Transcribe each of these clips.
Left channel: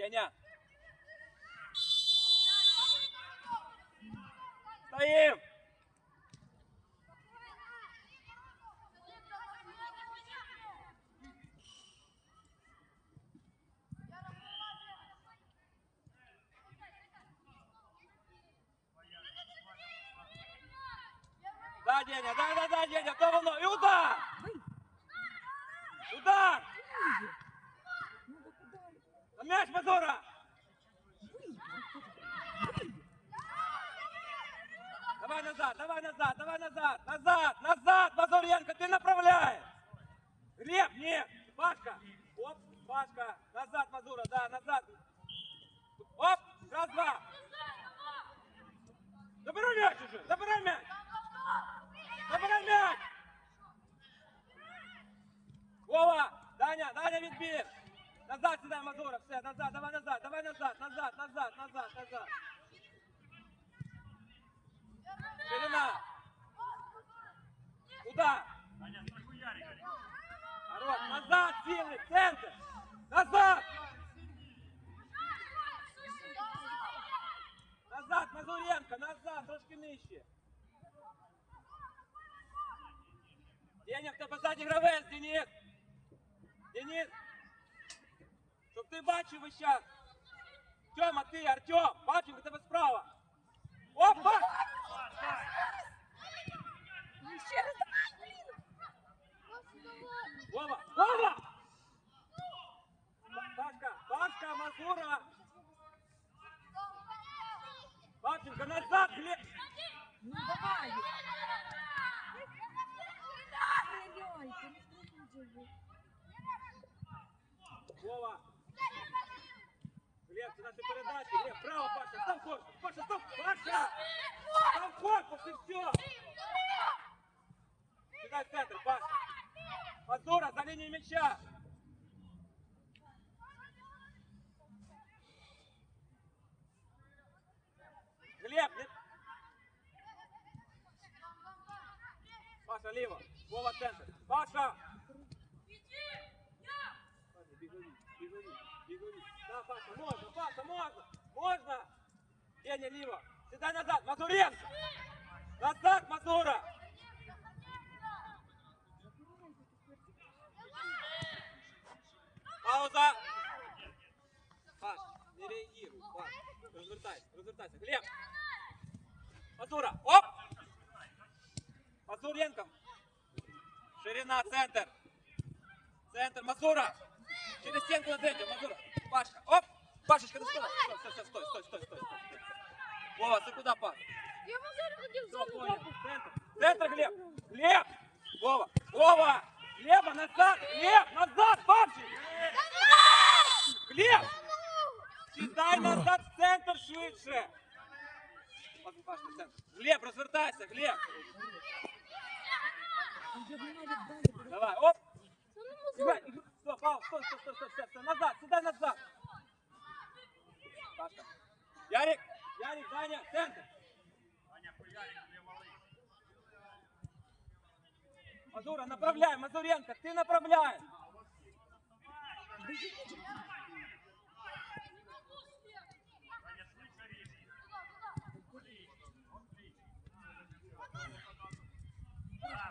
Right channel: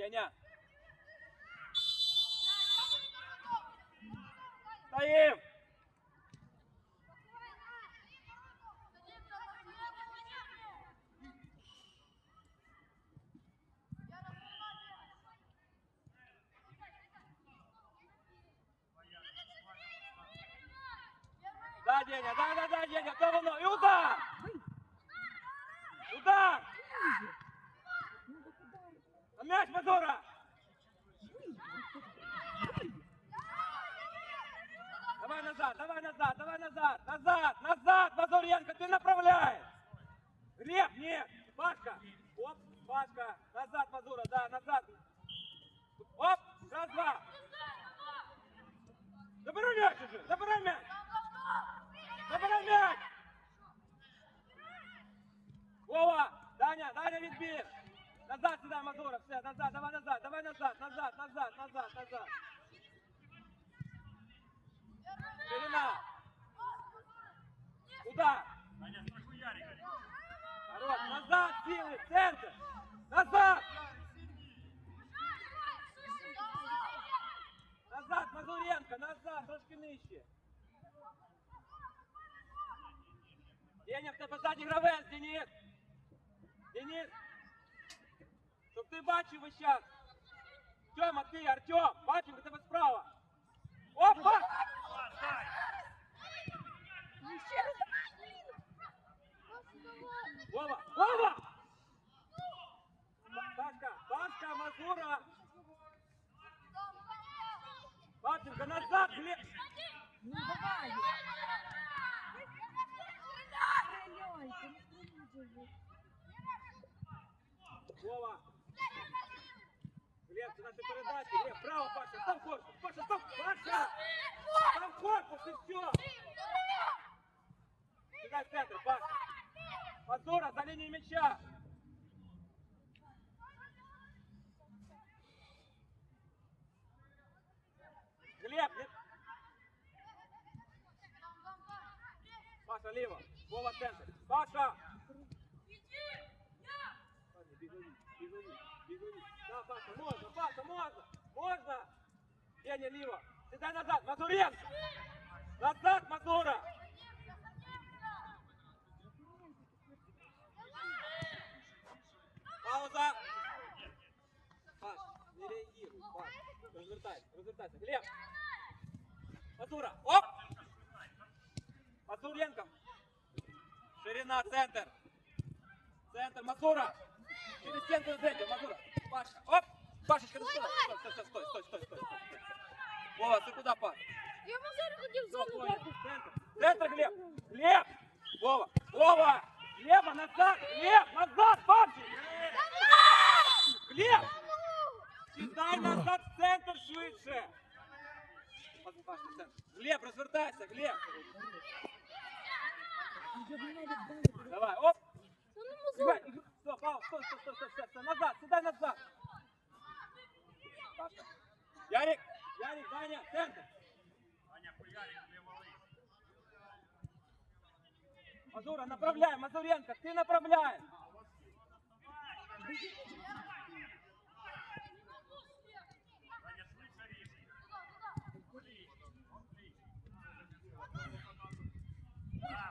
Деня. Стоим. Да, Деня, да, да, да, Деня, то воно. І удар! Удар! М'яч, Мазура! Давай назад, давай назад, давай назад, назад, назад, Мазуренко, ты направляешь! Глеб, нет, Пашка, оп, Пашка, назад, Мазура, да, назад. Деня, в тебе ззаді гравець, Денис. Денис. Щоб ти бачив весь час. Тьома, ти, Артем, бачив, Паша, став! Паша! Став корпус і все! Сюда в центр, Паша! Мазура, за лінією мяча! Глеб, не... Паша, ліво! Вова, центр! Паша! Паша, бігові, бігові, бігові. Да, Паша, можна, Паша, можна, можна. Деня, ліво. Сідай назад, Мазуренко. Назад, Мазура. Пауза. Паш, не реагируй, Паш. Розвертайся, розвертайся. Глеб. Мазура, оп. Мазуренко. Ширина, центр. Центр, Мазура. Через стенку этим, Мазура. Пашка, оп. Пашечка, ну стой. Стой, стой, стой, стой, стой, стой, стой, стой. Вова, ты куда, Паш? Я бы зараз хотів Всё, зону понял. трохи. Центр. Центр, Глеб. Глеб. Вова. Вова. Глеба назад. Глеб, назад, Пашечка. Глеб. Сідай назад в центр швидше. Паша, Паша, в центр. Глеб, розвертайся, Глеб. Я б навіть далі. Давай, оп. Та ну, Мазур, Сідай. Стой, Пау, стой, стой, стой, стой, стой, стой. Назад, сідай назад. Ярик, Ярик, Даня, центр. Мазура, направляй, Мазуренко, ты направляй.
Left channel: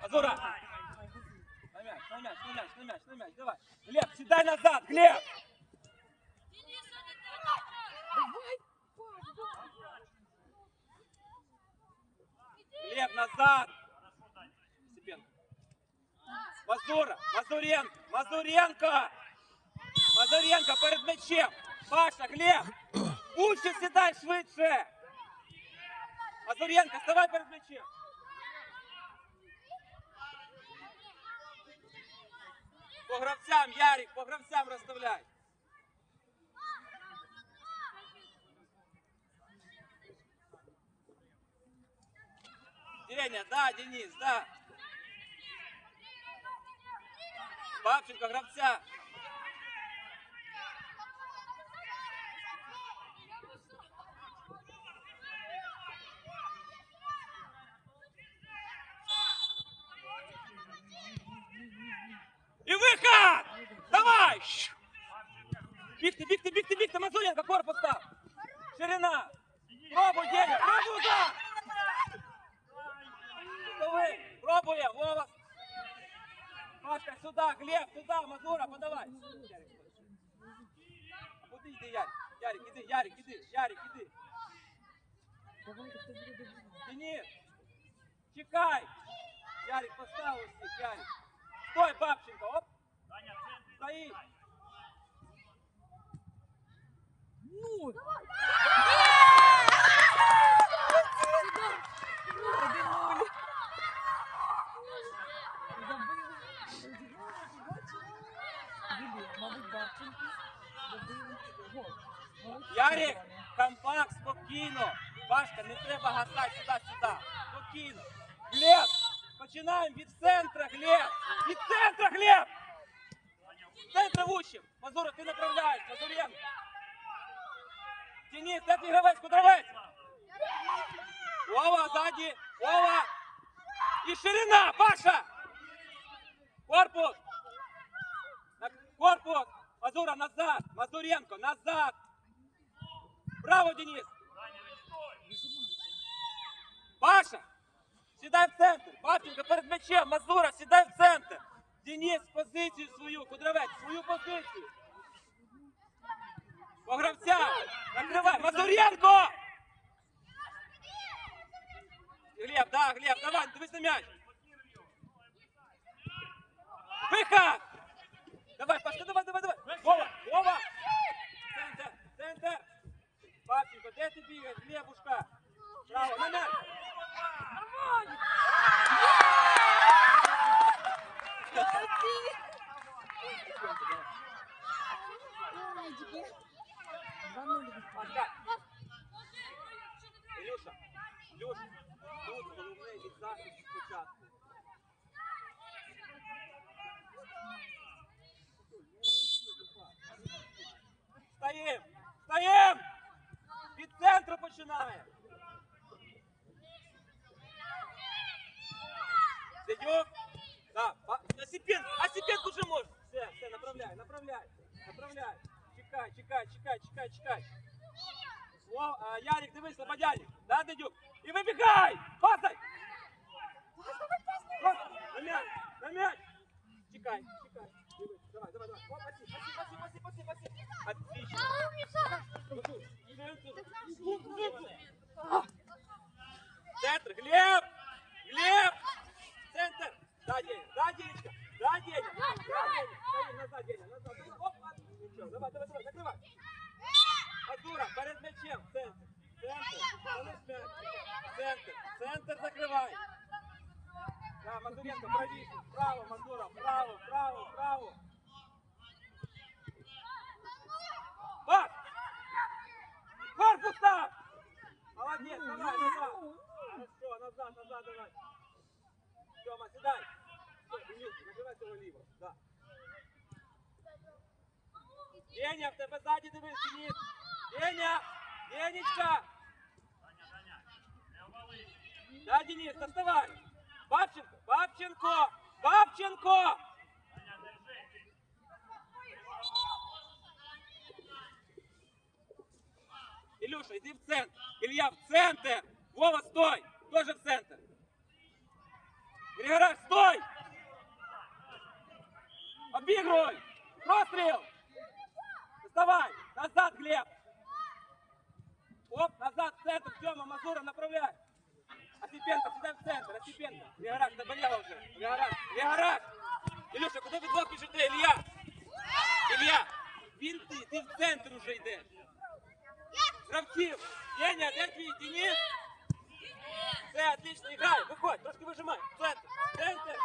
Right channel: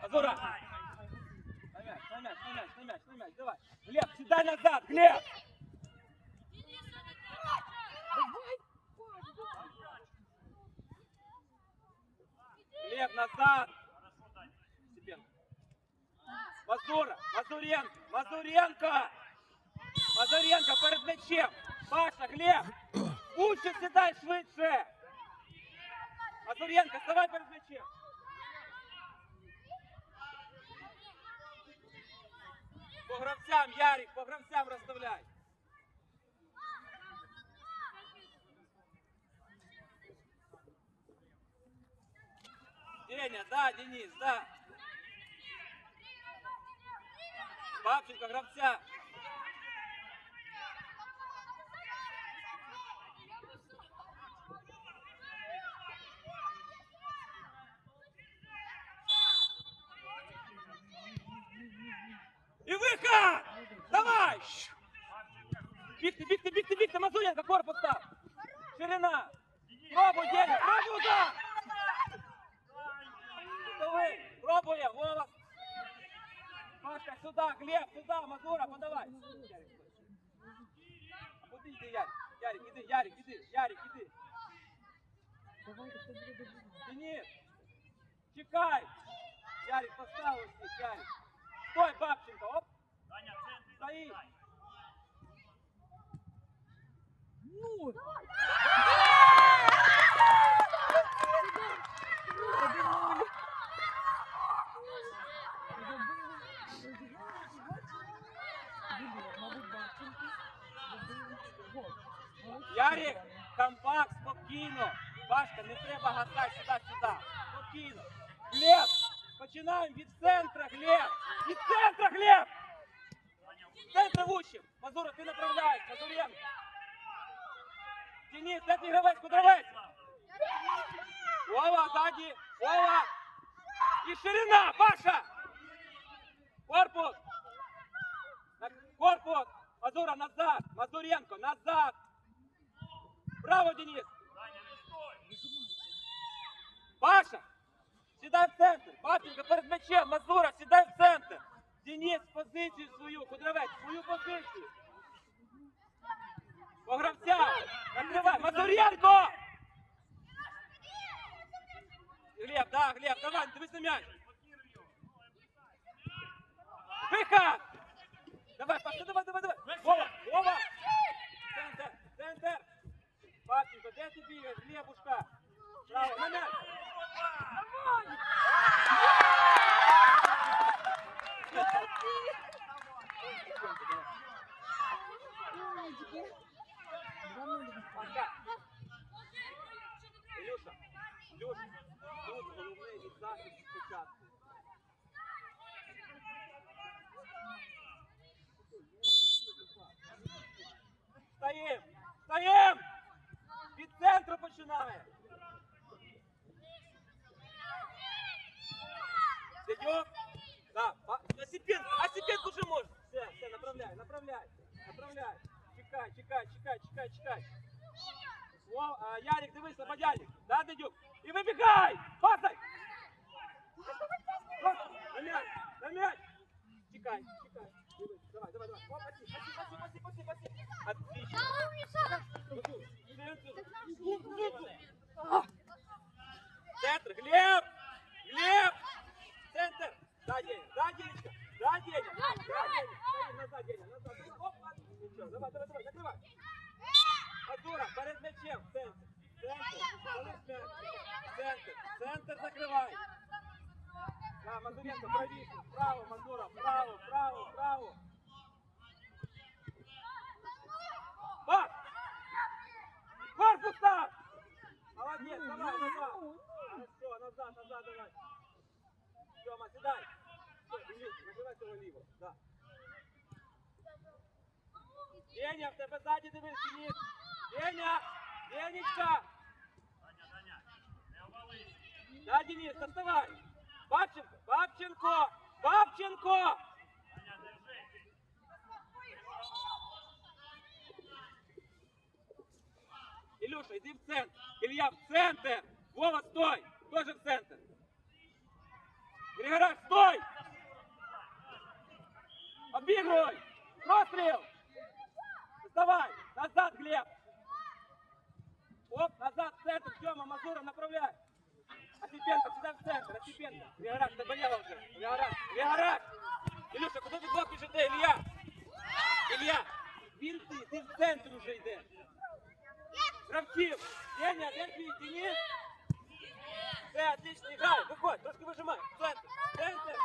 Мазура. На мяч, на мяч, на давай. Глеб, седай назад, Глеб. давай, Паш, давай. Глеб, назад. Степенко. Мазуренко, Мазуренко. Мазуренко перед м'ячем. Паша, Глеб. Лучше сідай швидше. Мазуренко, вставай перед м'ячем. По гравцям, Ярик, по гравцям розставляй. Деня, да, Денис, да. Бабченко, гравця. І вихід! Давай! Бігти, бігти, бігти, бігти, Мазуря, Мазуренко, корпус став. Ширина. Пробуй, Деня, пробуй, да! Давай, пробуем, Вова. Пашка, сюда, Глеб, сюда, Мазура, подавай. Куди йди, Ярик? Ярик, іди, Ярик, іди, Ярик, іди. Давайте, хто буде добре. Денис, чекай. Ярик, поставил всіх, Ярик. Стой, Бабченко, оп. Стоит. Назад. Браво, Денис. Паша, сідай в центр. Пашенька перед м'ячем. Мазура, сідай в центр. Денис, позицію свою. Кудравець, свою позицію. По гравця. Накривай. Мазуренко! Глеб, да, Глеб, давай, дивись на м'яч. Виход! Давай, Пашка, давай, давай, давай. Вова, Вова! Центр, центр. Папченко, де ти бігаєш? Глебушка. Право, на м'яч. Умнички. Два нуль. Пашка. Ілюша, Ілюша, тут головне від захисту спочатку. Стоїм! Стоїм! Від центру починає! Сидюк! Да, а- Осипенко, Осипенко уже может! Все, все, направляй, направляй, направляй! Чекай, чекай, чекай, чекай, чекай! О, а, Ярик, дивись, Слободяник! Да, Дедюк? І вибігай! Пасай! Оп, На мяч, на мяч! Чекай, чекай! Давай, давай, давай! Оп, паси, паси, паси, паси, паси! Отлично! Центр! Глеб! Глеб! Центр! Да, Деня, да, Денечка! Да, Деня! Да, Деня! Стоим назад, Деня, назад! Оп, ничего, давай, давай, давай, закрывай! Мазура, перед м'ячем, центр! Центр, понес м'яч! Центр, центр закривай! Да, Мазуренко, правіше! Право, Мазура, право, право, право! Пас! Корпус став! Молодец, давай, назад! Хорошо, назад, назад, давай! Тёма, седай! Стой, Денис, набирай того ліво, да. Деня, в тебе ззаді дивись, Денис! Деня! Денечка! Да, Денис, доставай! Бабченко! Бабченко! Бабченко! Илюша, иди в центр! Илья, в центр! Вова, стой! Тоже в центр! Григораш, стой! Обыгрывай! Прострел! Доставай! Назад, Глеб! Оп, назад, в центр, Тёма, Мазура, направляй! Осипенко, сюда в центр, Осипенко! Григораш, заболел уже! Григораш, Григораш! Илюша, куди ты двох біжите, Ілля? Ілля, він ти, ти в центр уже йдеш! Гравців! Деня, де твій Денис? Все, отлично, играй, виходь, трошки вижимай, центр, центр!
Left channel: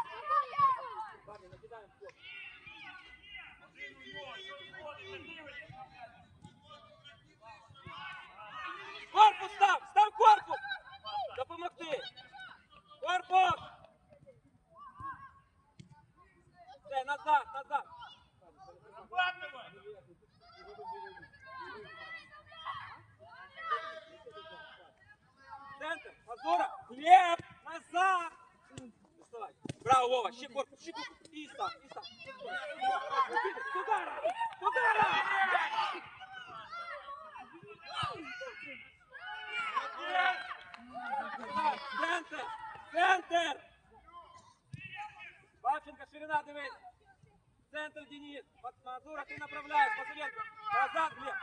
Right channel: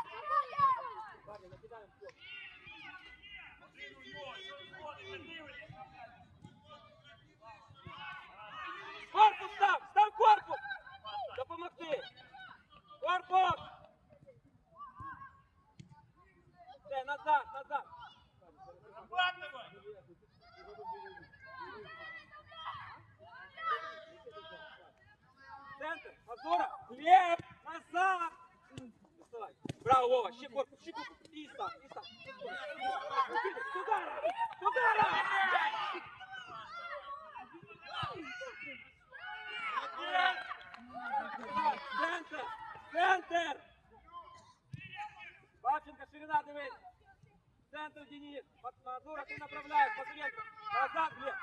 Мазура, ты направляешь, Мазуренко. Назад, Глеб.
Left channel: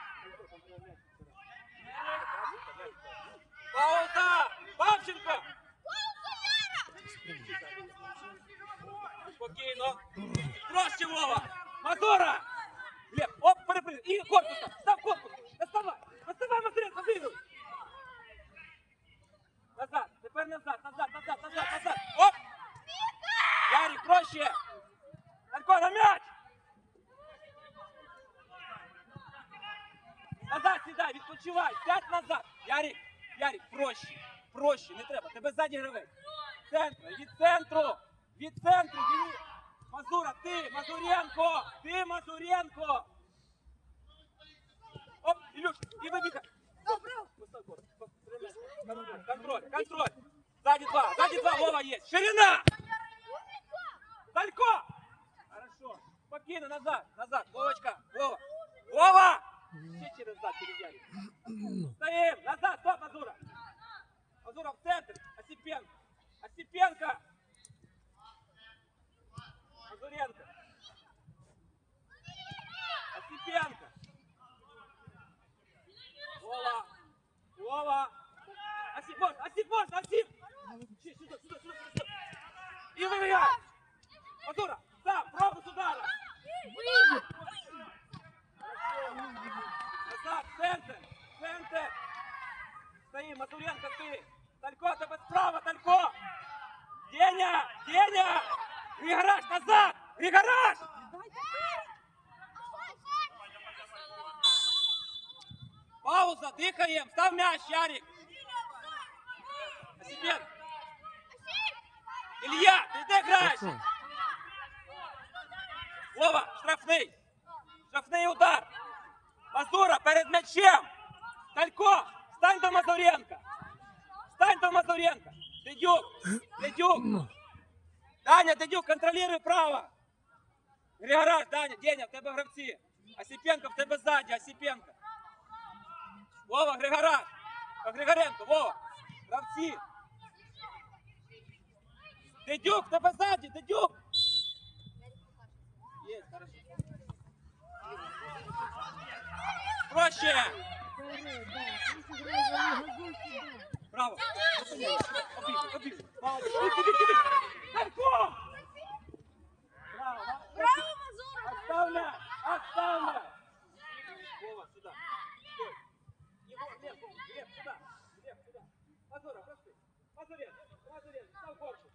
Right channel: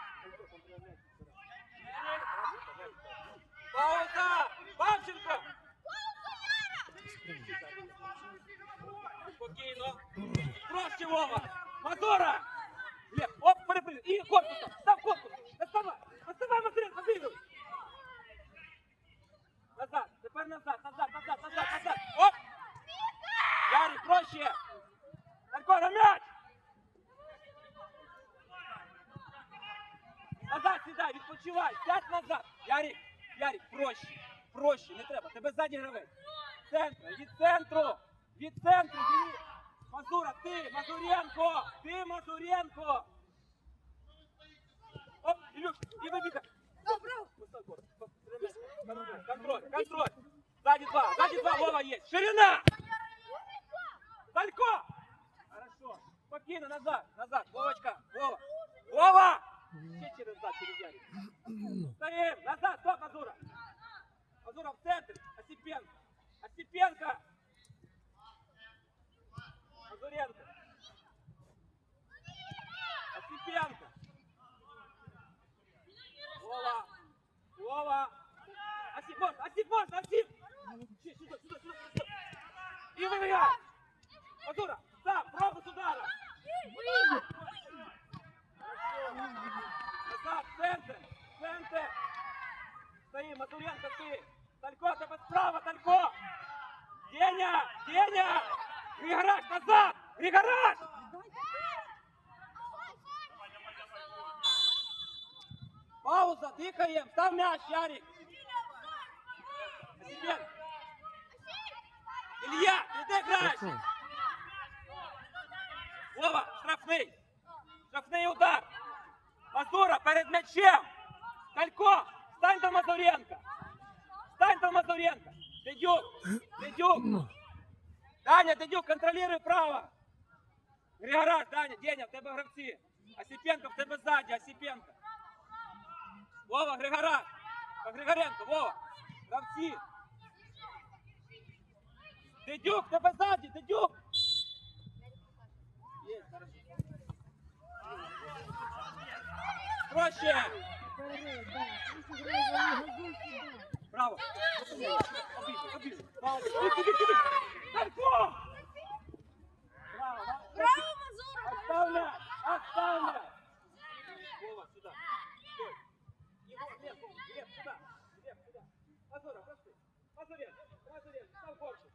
Пауза! Павченко! Спокійно. Проще, Вова. Мазура! Глеб, оп, перепрыгни. І корпус там. Став корпус. Доставай. Доставай, Мазуренко, двигай. Назад. Тепер назад, назад, назад, назад, назад. Оп. Ярик, проще. Марко, на м'яч. Назад сідай, відпочивай. Сядь назад. Ярик, Ярик, проще. Проще, не треба. Тебе ззаді гравець. Центр, від центру. Від центру. Диві. Мазура, ти, Мазуренко. Ти, Мазуренко. Оп, Ілюш, і вибігай. Постав корпус, постріляй. Контроль, контроль. Сзади два, сзади два, Вова есть. Ширина! Далько! Хорошо. Спокойно, назад, назад. Вовочка, Вова. Вова! Все через зад, через Ярик. Стоим, назад, стоп, Мазура. Мазура в центр. Осипенко. Осипенко. Мазуренко. Осипенко. Вова. Вова. Осип, можно, Осип, можно, Осип. Сюда, сюда, сюда, сюда. И выбегай. Мазура, сам, пробу сюда. Назад, центр, центр. Стоим, Мазуренко, ты. Талько, тебе справа, Талько. Деня, Деня. Григораш, назад, Григораш. Пауза, дихаем, став мяч, Ярик. Осипенко. Илья, ты где играешь? Вова, штрафний. Штрафний удар. Мазура перед м'ячем. Талько, стань до Мазуренка. Стань до Мазуренка. Дедюк, Дедюк. Даня, Дедюк, контролируй право. Григораш, Даня, Деня, в тебе гравці. Осипенко в тебе ззаді, Осипенко. Вова, Григораш. По Григоренко, Вова. Гравці. Дедюк, в тебе ззаді, Дедюк. сюда. Браво. Обіг, обіг. Молодець. Іди, іди, іди. Талько! Браво, молодець. Отстав мяч, отстав мяч. Вова, сюда. Стой. Егор, Глеб, Глеб, сюда. Глеб, сюда. Мазура, пошли. Мазурен, Мазурен, став корпус.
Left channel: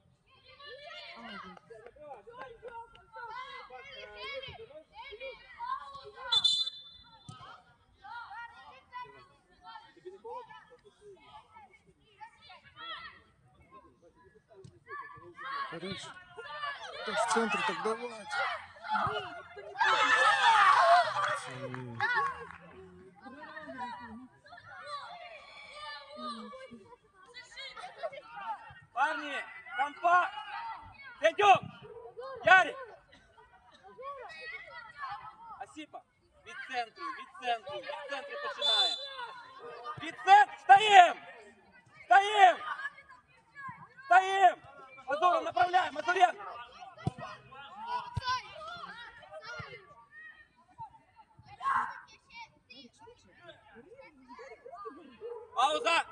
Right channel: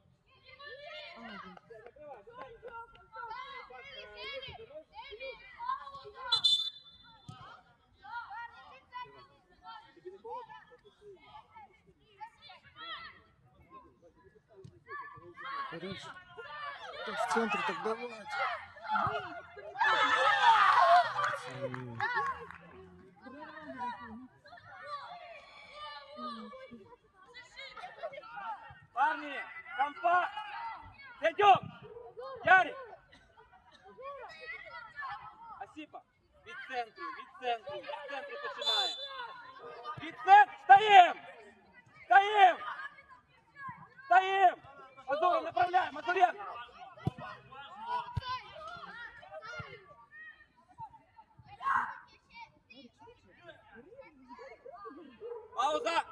Молодец. Закрывай, сюда. Пас, э, В центр так давать. Парни, компакт! Дядюк! Ярик! Осипа! Від центру, від центру, від центру починає. Від центру! Стоїм! Стоїм! Стоїм! Мазура, направляй! Мазуренко! Пауза!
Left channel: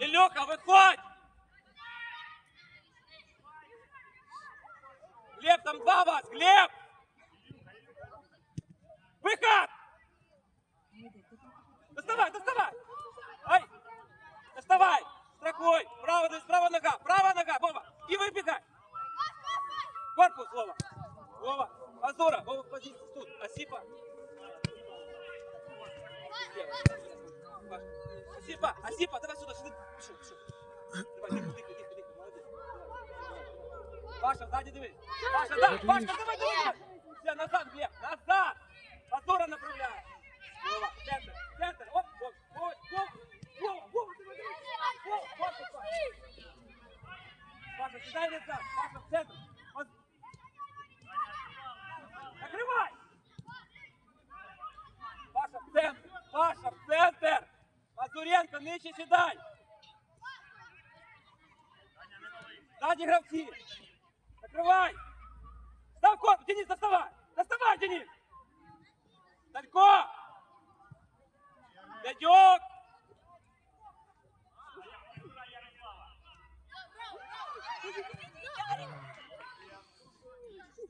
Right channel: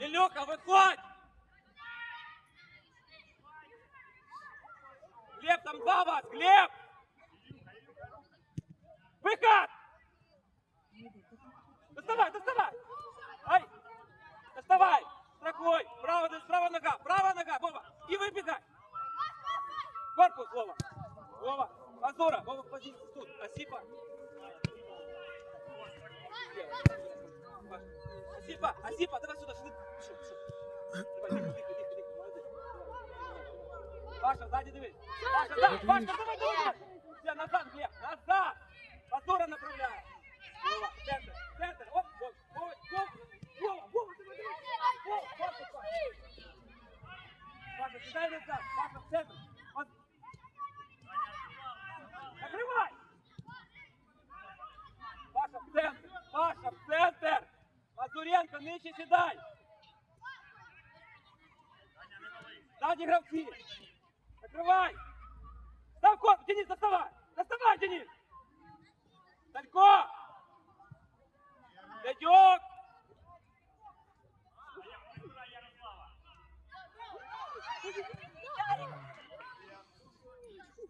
Ілюха, виходь! Глеб, там два вас! Глеб! Выход! Доставай, доставай! Ай! Доставай! Страхуй! Право, право нога! Правая нога! Вова! И выбегай! Корпус, Вова! Вова! Мазура! Вова, позиция тут! Осипа! Осипа! Осипа! Давай сюда! Сюда! Пішов, пішов. Давай, дихай, дихай, дихай, дихай. Молодець. Паша, сзади дивись. Паша, да, Пашка, давай, давай. Все, назад, Глеб, назад. Позора направляй. Вова, центр, центр. Вова, Паша, в центр. Паша, в центр. Мазуренко, нижче сідай. Сзади гравці. Закрывай! Став корпус! Денис, доставай! Доставай, Денис! Талько! Дядьок!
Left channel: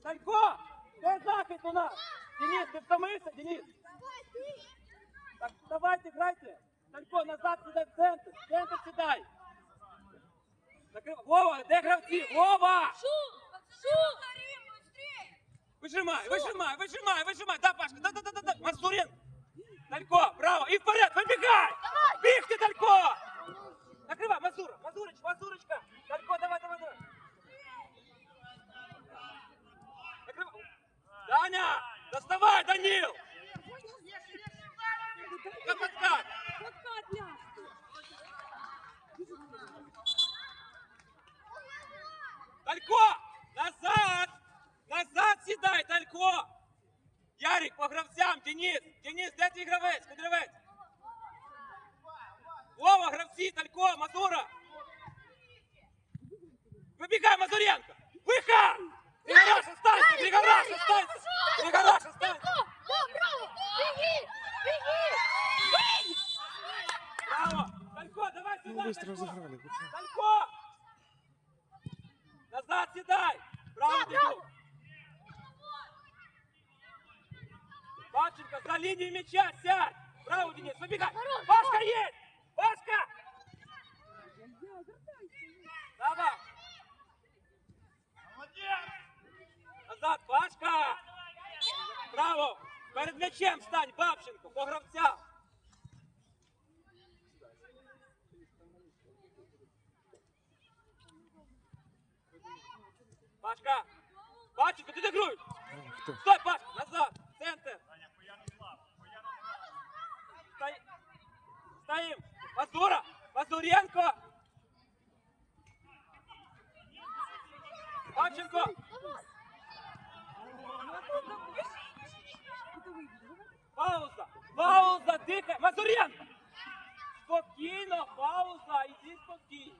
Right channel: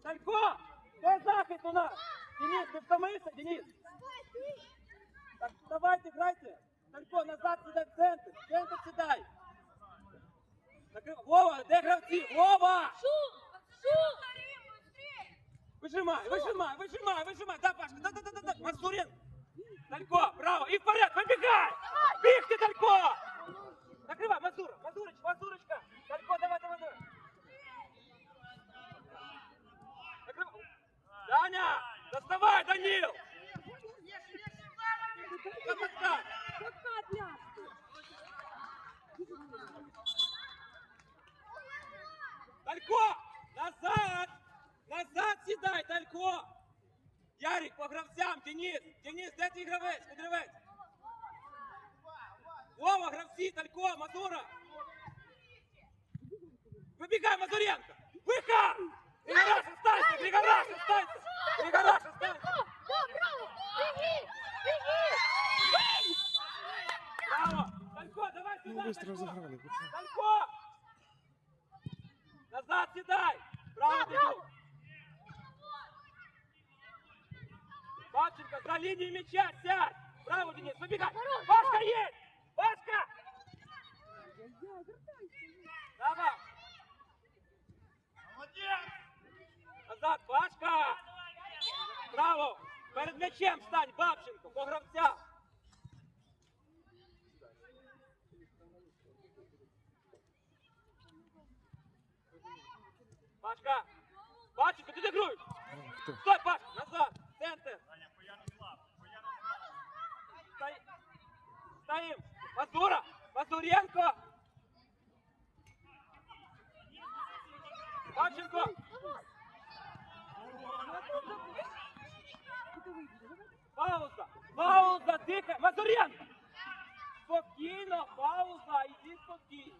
Талько! Де захист у нас? Денис, ти втомився, Денис? Так, давайте, грайте. Талько, назад сідай в центр. В центр сідай. Вова, де гравці? Вова! Вижимай, вижимай, вижимай, вижимай. Да, Пашка, да, да, да, да, да. Мазурин. Талько, браво. И вперед, выбегай. Бігти, Талько. Накривай, Мазур, Мазурич, Мазурочка. Талько, давай, давай, давай. Накривай. Даня, доставай, Данил. Капитан. Талько, назад. Назад сідай, Талько. Ярик, по гравцям, Денис. Денис, де твій гравець? Куди гравець? Вова, гравці, Талько, Мазура. Вибігай, Мазуренко. Виход! Григораш, останься! Григораш, останься! Григораш, останься! Браво! Талько, давай Ну, сюда! быстро Талько! разыграли. пацаны. Талько! Назад седай! Право бегу! Павченко, за линию мяча сядь! Право, Денис, выбегай! Пашка есть! Пашка! Давай! Назад, Пашка! Браво! Перед м'ячем стань, Бабченко, по гравцям! Пашка! Пашечка, ты догруй! А, кто? Стой, Пашка, назад! Центр! Стой- Стоим! Мазура! Мазуренко! Павченко! Пауза! Пауза! Дихай! Мазуренко! Спокійно! Пауза! Іди спокійно!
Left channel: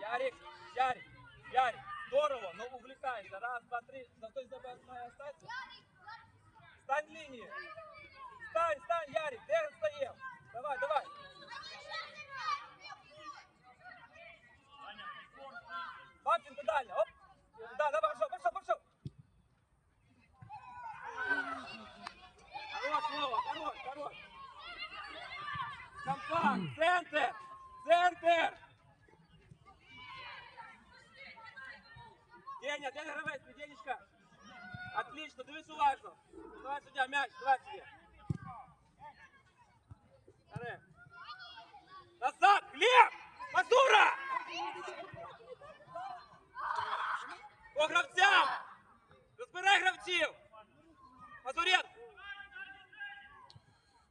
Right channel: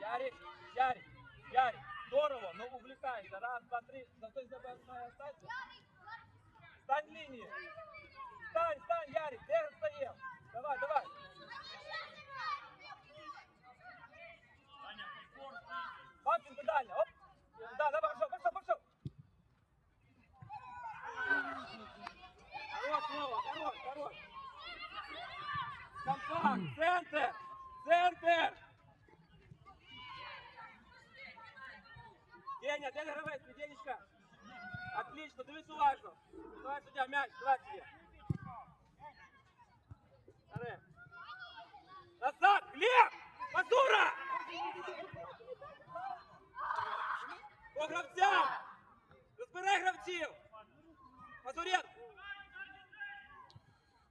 Ярик, Ярик, Ярик, здорово, но увлекайся. Раз, два, три. За той забер остаться. Стань в линии. Стань, стань, Ярик, где стоим? Давай, давай. Панченко дальше, оп. Да, давай, пошел, пошел, пошел. Хорош, Вова, хорош, хорош. Компакт, центр, центр. Деня, Деня гравець, Денечка. Отлично, дивись уважно. Давай суддя, м'яч, давай суддя. Назад, Глеб! Мазура! По гравцям! Розбирай гравців! Мазуренко!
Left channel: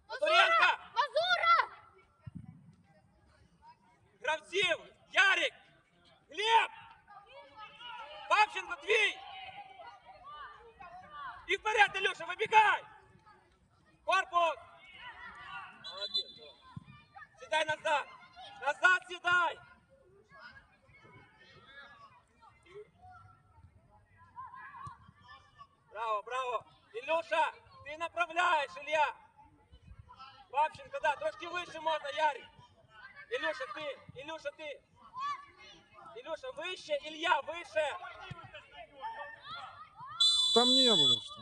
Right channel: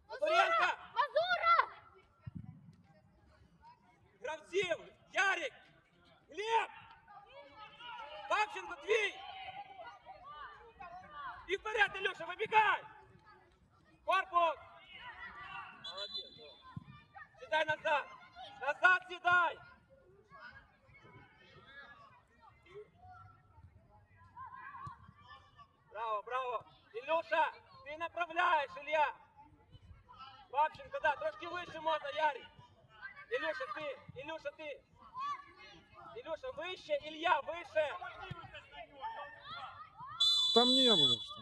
Мазуренко! Гравців! Ярик! Глеб! Павченко, твій! І вперед, Ілюша, вибігай! Корпус! Молодець, Вова. Сідай назад! Назад сідай! Браво, браво! Ілюша, ти направляєш, Ілля! Павченко, да, трошки вище можна, Ярик! Ілюша, ти! Ілюша, ти! Илюша, выше, Илья, выше! Там не было, что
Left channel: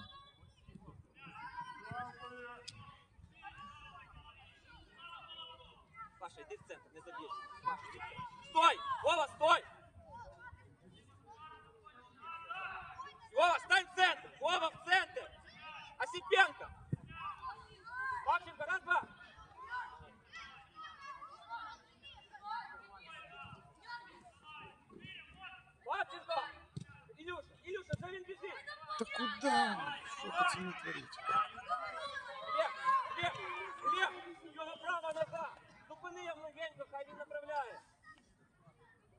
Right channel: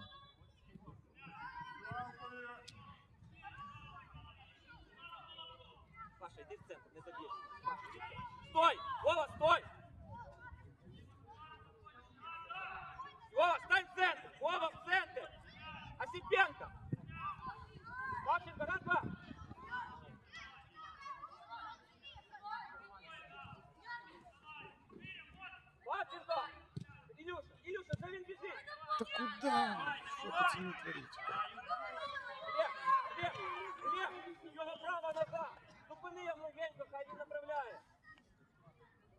Стой! Вова, стой! Вова, стань в центр! Вова, в центр! Осипенко! Павченко, раз, два! Павченко! Илюша, Илюша, за біжить! Да куда? Что пацаны творите?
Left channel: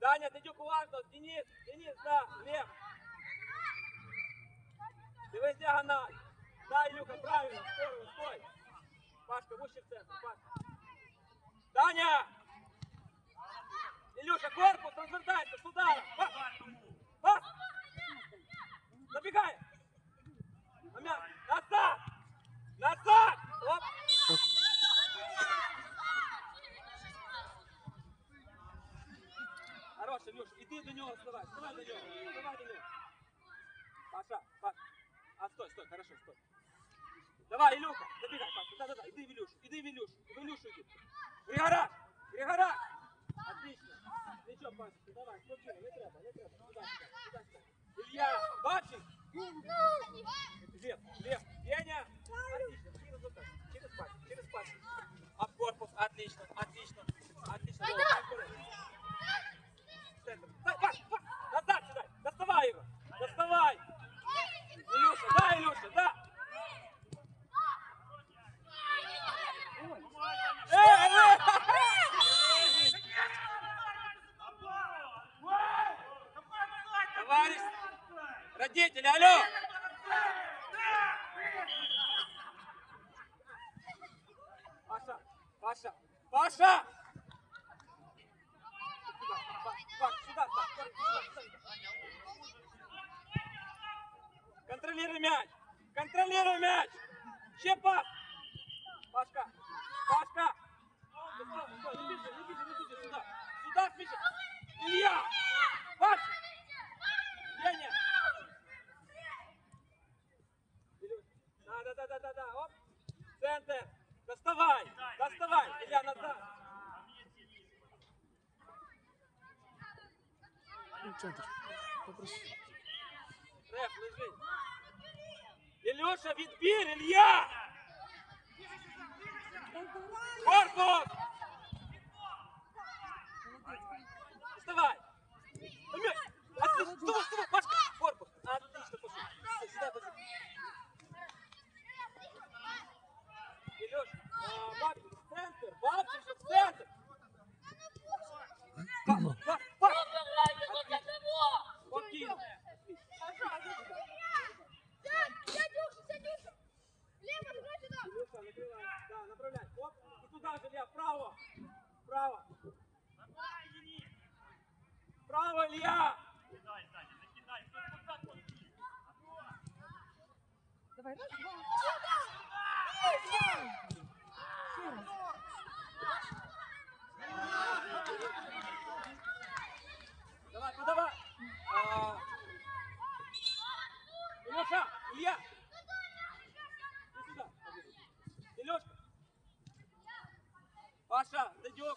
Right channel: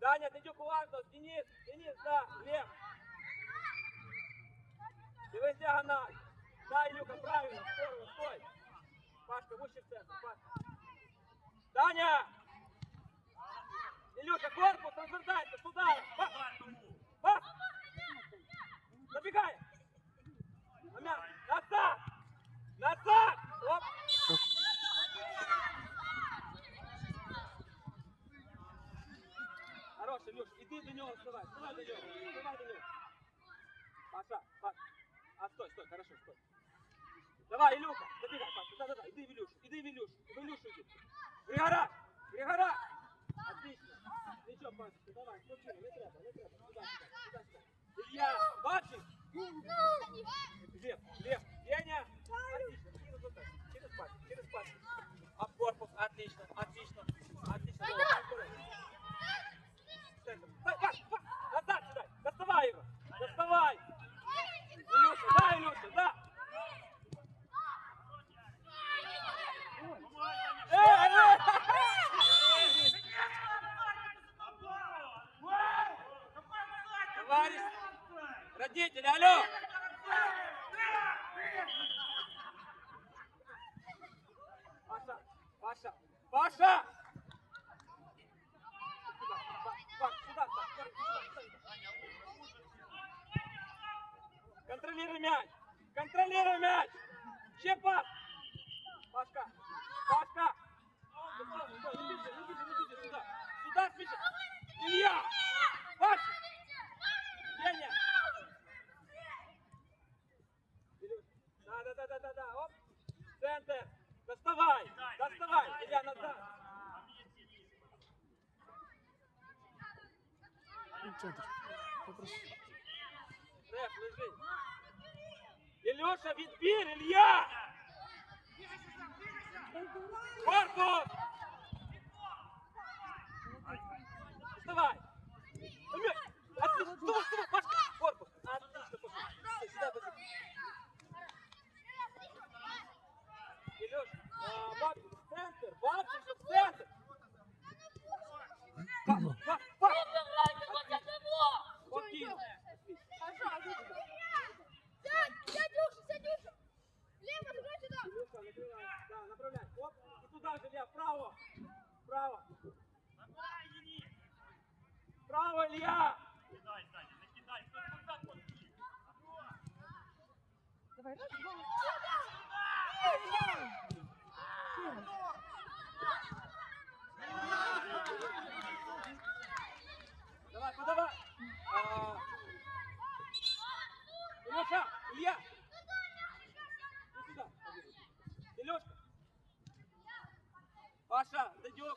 Даня, Дедюк уважно, Денис, Денис, да, Глеб. Дивись діагональ. Да, Ілюха, правильно, стой, стой. Пашка, вище в центр, Пашка. Даня! Ілюша, корпус, розвертайся, сюди. Пас! Пас! Забегай! На мяч! Назад! Назад! Иди до него, вставай, вставай до него, вставай до него. Паша, Паша. А, стой, стой, хорошо, стой. Давай, Илюха, забегай, Паша, иди в Илюш, иди в Илюш, в Илюшу иди. Григора, Григора. Отлично. Ничего, Паша, давай, спокойно, не треба, не треба. Сюда, сюда, сюда, сюда. Илья, бачишь? Лев, Лев, Деня. Отлично, через вот так, через пас, через пас. Об корпус, отлично, отлично, отлично. Давай. Центр. Паш, Паш, назад сюда, доставай его, доставай. Илюша, да, Илюша, да. Товарищ, родители, алло! Паша, Паша, Паша! Сюда, Паш, сюда, Паш, сюда, сюда. Контролируй мяч! Контролируй мяч! Ще пас! Пашка! Пашка! Сюда, сюда, сюда! Сюда, Миша! Илья! Паша! Деня! Да, да, да, да, да, да, оп! Центр! Доставай! Доставай! Илья, назад! Ну, Центр. Попроси. Реф, лежи! Илюша, відбір, Илья! Корпус! Вставай! Амир! Отлично! Вставай, вставай, Пашка! Корпус! Отлично, пошли! Всё, Сюда, пошли! Илюш, а, Бабчик, в центр! Бабчик, в центр! Пас, пас, пас! Спокійно! Илюша, накрывай. Да, направляй. Оп, и туда же, Илья, вправо. Вправо. Вправо, Илья. Давай, раз, два. Ще раз. Давай, подавай. А, Илюша, Илья. Иди сюда. побежи. Илюшка. Паша, дойдем.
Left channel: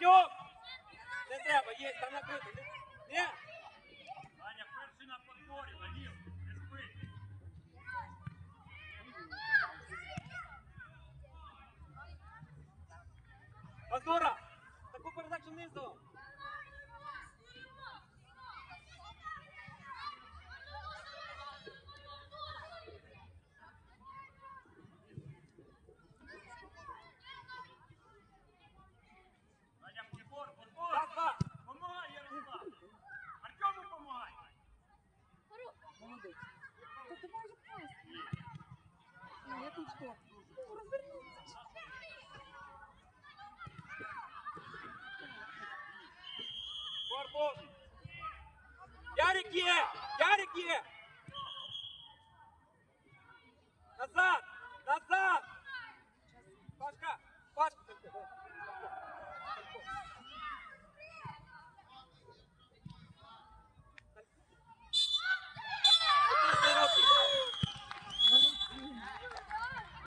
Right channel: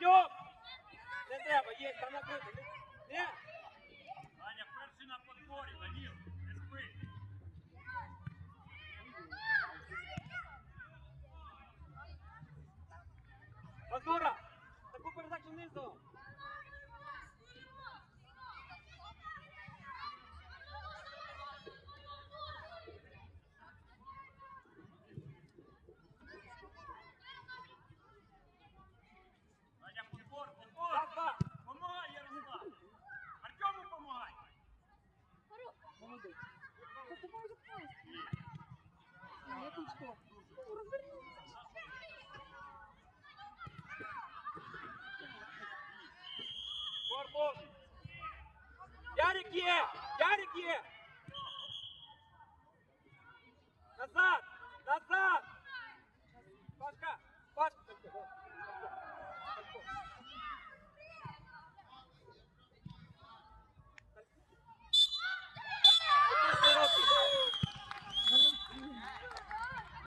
Дядьок! Не треба, є, там накрито. Ні? Аня, перший на подборі, Вадим, не спи. Мазура! Таку передачу низу!